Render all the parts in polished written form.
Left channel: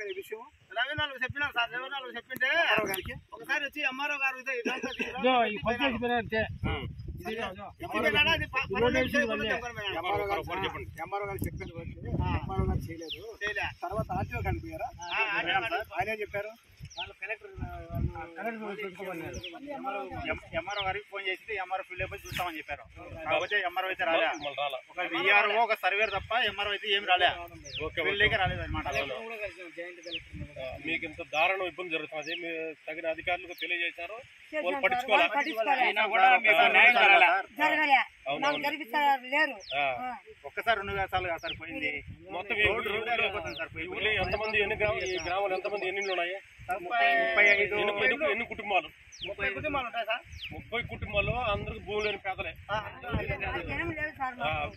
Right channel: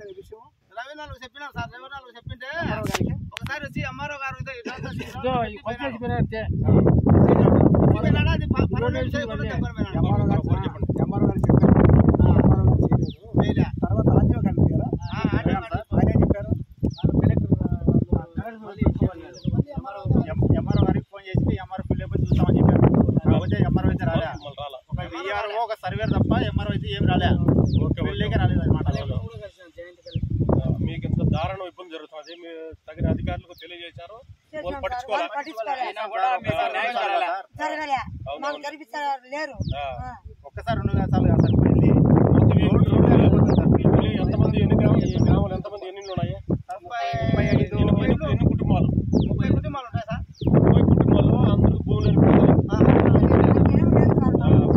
విషయం రవీనాలు చెప్పినారు సార్. రవీనాలు చెప్పింటే ఒకసారి వచ్చి ఎంఆర్ఓ గారు తర్వాత ఆర్టీఓ కనిపించారా? ఆయన చెప్పారు ఎంఆర్ఓ గారికి ఫోన్ చేసి ఎంఆర్ఓ ఫిల్ అయిపోయి చూస్తామని చెప్పారు. కాకపోతే ఎంఆర్ఓ అయితే రాలే. ఒక విఆర్ఓ ఒక సర్వేర్ తప్ప ఎంఆర్ఓ అయితే ఏం రాలే. ఫిల్లేకే రాలేదు అనమాట. మీకు ఇంత దారుణం ఇబ్బంది జరుగుతుంది, మీరు తగిన అధికారులకు తెలియజేశారు, వాళ్ళు పట్టించుకోవాలి. ఒక్కసారి 2 వేసాలు సార్ పోయింది. ఎంతమంది ఎన్ని గ్రామాలు ఎంతమంది ఎన్ని ఉన్నాయి? 35 ఎన్ని కుటుంబాలు? 30 కుటుంబాలు ఉంటాయి సార్. 30 కుటుంబాలు అందరూ భూములు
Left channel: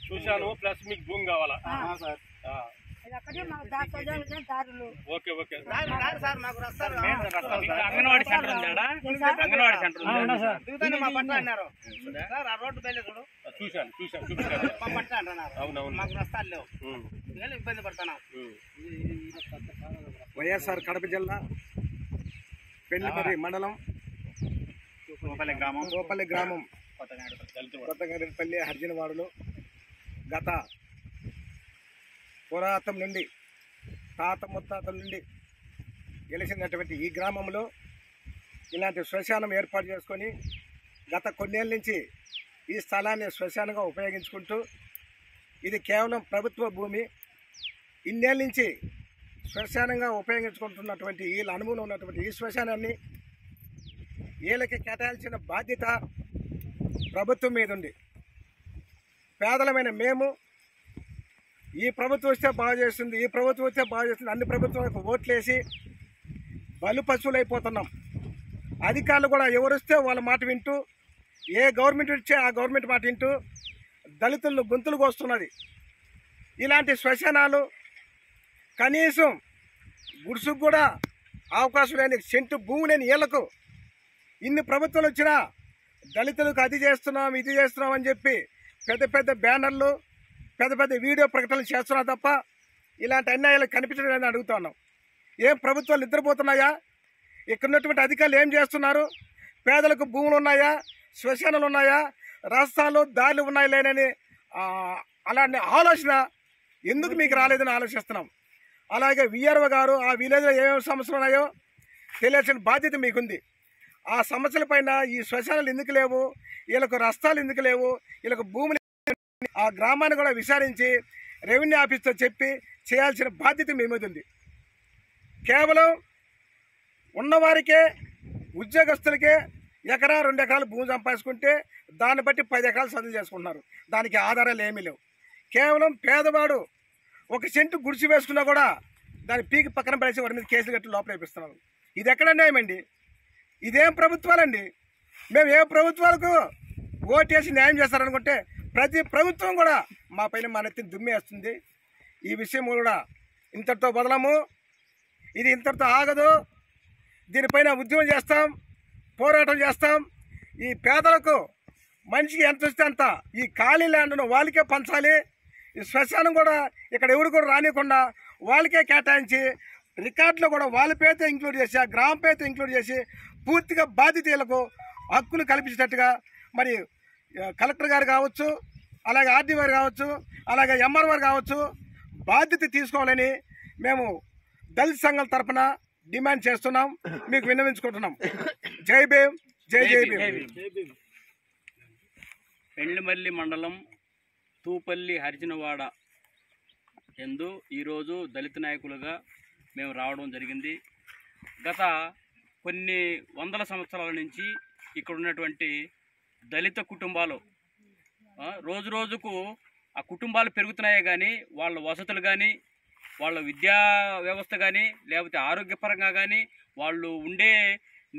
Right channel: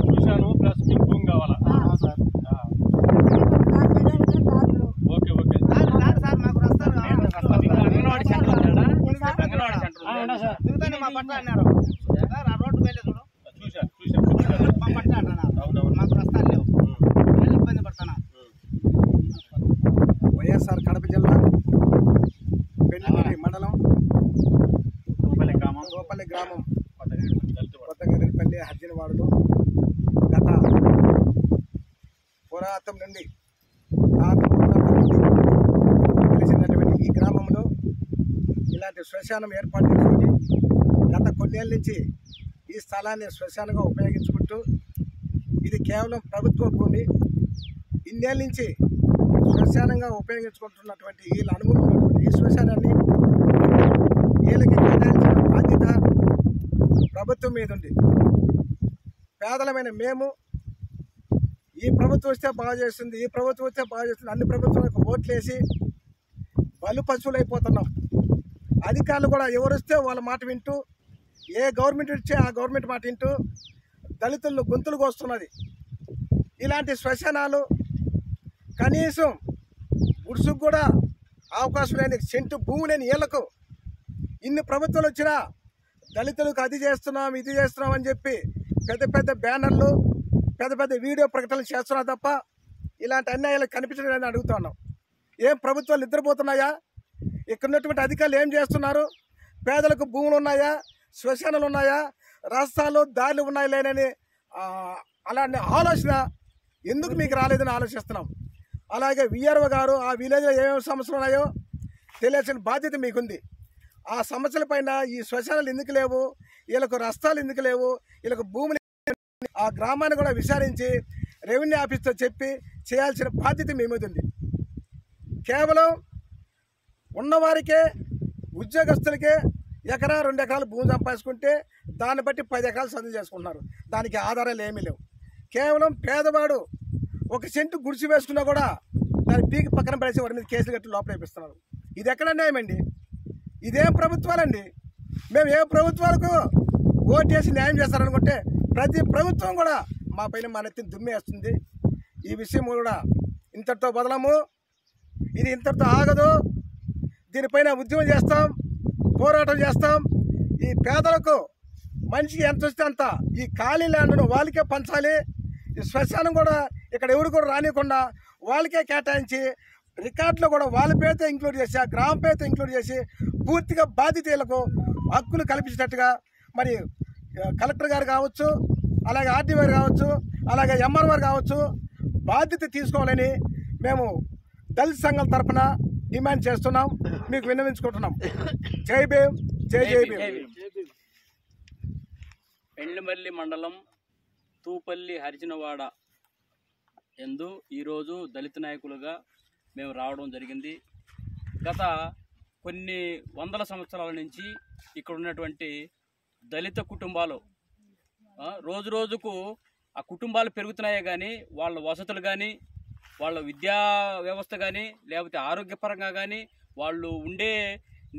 చూశాను. ప్లస్ మీకు భూమి కావాలా సార్? ఓకే ఓకే సార్ మాకు రస్తాలు దిగుతానే మా పట్ల అన్నారు సార్. ఆ రోడ్డు వెళ్ళి చూడు చూశాను మా పట్ల అంటున్నారు. అవునవును మాకు రస్తాలు లేవు, ఇబ్బంది పడుతున్నాం. వైఎస్ఆర్ కడప జిల్లా పెళ్లిమర్రి మండలం గోపల్లి గ్రామం కొత్తగరిపల్లి హర్జనవాడలో గత పురాతనం నుండి తాత ముత్తాత నుండి తెలిసినటువంటి ఈ గ్రామంలో ఇలాంటి శ్మశానం ఏర్పాటు చేసుకొని గత కొన్నేళ్ళ నుంచి ఈ స్థలాన్ని శ్మశానంగా ఉపయోగించుకుంటూ, ఇది కేవలం ప్రభుత్వ భూమి, ఇన్నేళ్ళ నుంచి శ్మశానంగా ఉపయోగించుకుంటున్నటువంటి వీళ్ళ అనుభవం ఉన్నటువంటి ఈ శ్మశానాన్ని వీళ్ళకి కేటాయించిన బాధ్యత ప్రభుత్వం మీద ఉంది. పేదలమైన మేము ఈ ప్రభుత్వం వస్తే బాగా చేస్తుంది, ఈ ప్రభుత్వం వస్తే బాగా చేస్తుంది, అన్ని ప్రభుత్వాలకు ఓట్లేసి బలు పశువులు అయిపోతున్నాం. అధికారులు కూడా ఎవరు వస్తే వాళ్ళ మాట వింటూ, ఏ గవర్నమెంట్ వచ్చే ఆ గవర్నమెంట్ మాట వింటూ దళితులను గొంతులు కోస్తున్నది. ఇలాంటి శ్మశానాలు కనీసం గుడుసుకు కూడా అవకాశం లేని సెంటు భూమి లేని వీళ్లకు ఇన్ని ప్రభుత్వాలు వచ్చినా దళితులకు అది చేస్తున్నాం ఇది చేస్తున్నాం అని చెప్పి పెద్ద పెద్ద బ్యానర్లు పెద్ద పెద్ద వీడియో ప్రకటనలు చేస్తున్నారు తప్ప ఇలాంటి అన్యాయాలు కనిపించలేదని అడుగుతున్నాం. ఏం ప్రభుత్వాలు నిద్రపోతున్నాయా? ఇక్కడ ఉన్నటువంటి అధికారులు ఏం చేస్తున్నారు? పేదలకు భూములు ఉన్నాయా, శ్మశానాలు ఉన్నాయా, రాష్ట్రాలు దారులు ఉన్నాయా లేనని అలాంటి ఆలోచన ఎందుకు మీకు రాలేదని ఆలోచిస్తున్నాం. అలాగే విఆర్ఓ గారు ఆ విలేజ్లో ఏమేమి సమస్యలు ఉన్నాయో తెలియాల్సిన బాధ్యత మీకుంది. ఆ సమస్యలపైన ఈ శ్మశానాలు ఎందుకు లేవు, వీళ్ళకు రస్తాలు ఎందుకు లేవు, వీళ్ళకు భూములు ఆ గ్రామాన్ని కూడా విచారించి రెవెన్యూ ఆఫీస్తో చెప్పి చేయాల్సిన బాధ్యత మీ మీద ఉంది. కేవలం ఉన్నవారికే ఉద్యోగస్తులకే ఎకరా 2 ఎకరాలు భూమి సంపాదించుకుంటే దాన్ని బట్టి 10 ఎకరాలు సదువు చేసుకుంటున్నారు. దానికి ఆధారాలు ఏమీ లేవు. కేవలం పేదవాడు 1 సెంటు గుడిసి వేసుకున్నా కూడా దాన్ని పీకి పక్కన పడేసి వారి మీద కేసులు కట్టి లోపల వేపిస్తున్నారు. ఇది ఎక్కడ న్యాయమండి? ఇదేం ప్రభుత్వాలండి? మేము ఏ ప్రభుత్వాలకు ఓటేసి న్యాయం చేస్తారనుకుంటే ప్రతి ప్రభుత్వం కూడా మా పైన మన ఎత్తిని దుమ్మేస్తుంది. ఈ విషయం కూడా ఇంతటితో వదలము, ఇది ఇంతటితో ఆగదు. దీనిపైన ఉద్యమం చేస్తాం, పోరాటం చేస్తాం. ఈ పేదలకు మనిషికి ఎంత వస్తే అంత ఈ ఖాళీ ల్యాండ్ను వాళ్ళకే పంచాలి. ఈ శ్మశానం కూడా ఇక్కడ ఎవరు కూడా రానియకుండా వాళ్ళకే కేటాయించి రికార్డులో కూడా వాళ్ళ పేరుతో ఇంక్లూడ్ చేసి ఆ గ్రామ పేరుతో ఇంక్లూడ్ చేసి పూర్తిగా బాధితులకు హక్కులు కల్పించేటట్టుగా మరి కలెక్టర్ గారు కావచ్చు, అలాగే ఆర్డీ గారు కావచ్చు, అలాగే ఎంఆర్ గారు కావచ్చు బాధ్యత తీసుకోవాలని మేము దళిత సంఘం తరఫున డిమాండ్ చేస్తున్నాం, మీకు విన్నవించుకుంటున్నాం. జై భీమ్, జై జై భీమ్. పెండ్లిమర్రి మండలం తూపల్లి హరిజనవాడ ఎందు ఈరోజు దళిత నాయకులుగా మేము రావడం జరిగింది. గత కొన్ని వందల సంవత్సరాల నుంచి ఇక్కడ ఉన్నటువంటి దళిత కుటుంబాలు రోజు రోజుకు ఆ కుటుంబాలు పెరుగుతున్నాయే కానీ వాళ్ళ వసతులు కానీ వాళ్ళ విద్యా వ్యవస్థ కానీ లేకపోతే ఆరోగ్యపరంగా కానీ వాళ్ళు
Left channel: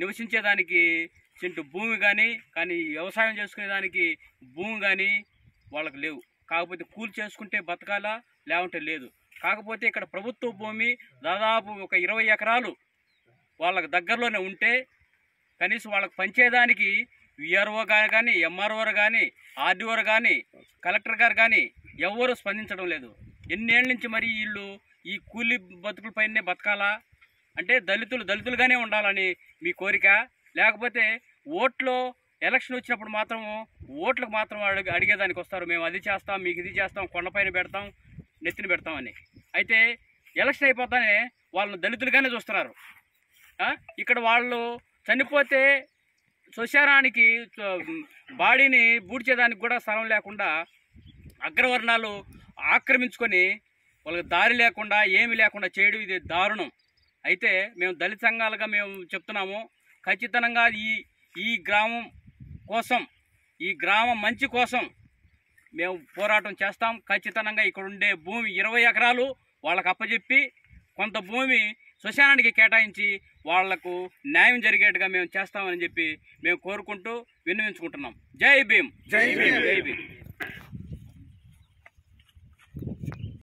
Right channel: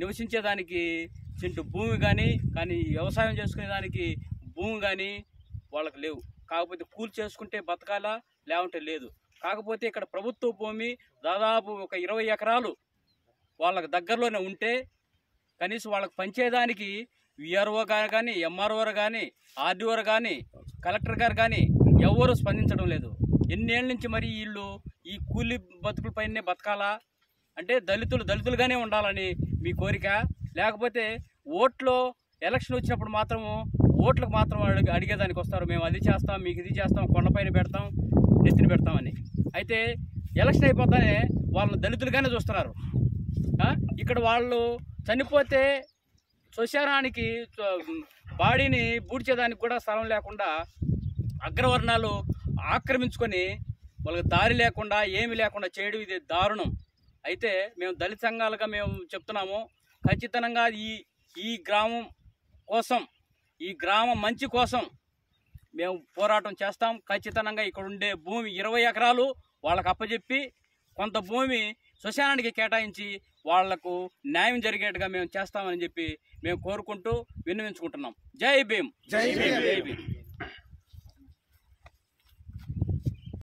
నివసించేదానికి సెంటు భూమి కానీ వ్యవసాయం చేసుకునేదానికి భూమి కానీ వాళ్ళకి లేవు. కాకపోతే కూలి చేసుకుంటే బతకాలా, లేకుంటే లేదు. కాకపోతే ఇక్కడ ప్రభుత్వ భూమి దాదాపు ఒక 20 ఎకరాలు వాళ్ళకి దగ్గరలోనే ఉంటే కనీసం వాళ్ళకి పంచేదానికి విఆర్ఓ గారు కానీ, ఎంఆర్ఓ కానీ, ఆర్డీఓ కానీ, కలెక్టర్ గారు కానీ ఎవరు స్పందించడం లేదు. ఎన్నేళ్ళ నుంచి మరి వీళ్ళు ఈ కూలి బతుకులపైనే బతకాలా అంటే దళితులుగానే ఉండాలని మీ కోరిక, లేకపోతే ఓట్లో ఎలక్షన్ వచ్చినప్పుడు మాత్రము ఓట్లకు మాత్రం అడిగేదానికి వస్తారు, మేము అది చేస్తాం, మీకు ఇది చేస్తాం, కొండపైన పెడతాం, నెత్తిన పెడతామని. అయితే ఎలక్షన్ అయిపోతానే వాళ్ళని దళితులుగానే చూస్తున్నారు. ఇక్కడ వాళ్ళు చనిపోతే శ్మశానానికి బాడీని బూడ్చేదానికి కూడా స్థలం లేకుండా అగ్రవర్ణాలు ఆక్రమించుకొని వాళ్ళకి దారి లేకుండా ఏమి లేకుండా చేయడం ఇది దారుణం. అయితే మేము దళిత సంఘాలుగా మేము చెప్తున్నాము, ఖచ్చితంగా ఈ గ్రామం కోసం, ఈ గ్రామం మంచి కోసం మేము పోరాటం చేస్తాం. ఖచ్చితంగా ఇక్కడ ఉండే భూమి 20 ఎకరాలు వాళ్ళకు అప్పచెప్పి కొంత భూమి శ్మశానానికి కేటాయించి వాళ్లకు న్యాయం జరిగేట్టుగా మేము చేస్తామని చెప్పి మేము కోరుకుంటూ విన్నవించుకుంటున్నాం. జై భీమ్. జై భీమ్. జై భీమ్.